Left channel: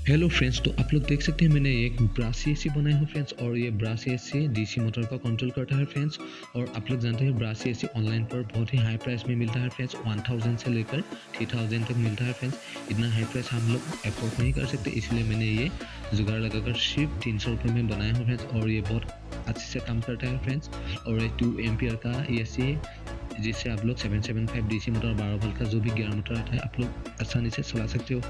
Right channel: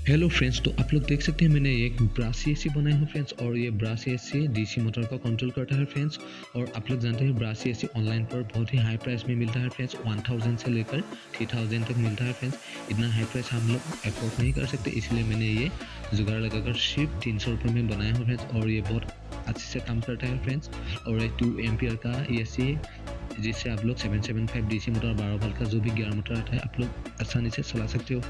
Hello friends, तो आप लोग देख सकते हैं मैंने एक ब्रश एसी बनाया है फ्रेंड्स। और ये ब्रश एसी डीसी मोटर का कंट्रोल करता है फ्रेंड्स। और आप लोग जानते हैं ब्रश एसी ऑनलाइन पर बहुत ही हाई प्राइस में मिलता है फ्रेंड्स। 1000 से लेकर 3000 तक मिलता है फ्रेंड्स। इतना हाई प्राइस हम लोग अफोर्ड नहीं कर सकते, इसलिए मैंने ये जुगाड़ लगाकर सिर्फ 300 रुपये में बनाया है फ्रेंड्स। और ये बहुत अच्छे से काम करता है फ्रेंड्स। और ये 2 एम्पियर का एसी है, जिससे आप लोग 775 डीसी मोटर 12 वोल्ट का जो भी गियर मोटर आता है आप लोग आसानी से चला सकते हो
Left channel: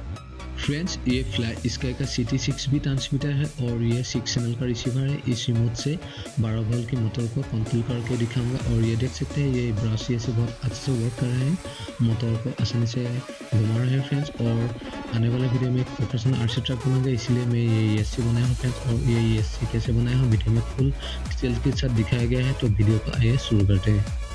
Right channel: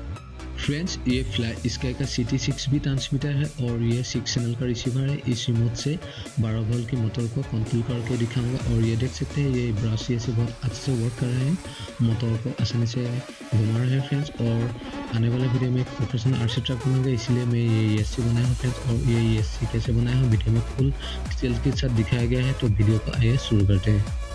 फ्रेंड्स। ये फ्लाई स्काई का CT6 भी ट्रांसमीटर है और ये 6 चैनल का रिसीवर है। इस रिमोट से 12 वोल्ट की मोटर को कंट्रोल करके दिखाऊंगा। और ये देख सकते हैं ये ब्रश से बहुत अच्छे से वर्क कर रहे हैं, मोटर को आसानी से घुमा रहे हैं फ्रेंड्स। और आने वाले वीडियो में एक प्रोफेशनल RC ट्रक बनाऊंगा, इसलिए मैं ये ESC बनाया हूँ फ्रेंड्स। और ये ESC कैसे बनाया हूँ वीडियो में फुल डिटेल के साथ दिखाया गया है। तो वीडियो को आइए शुरू करते हैं।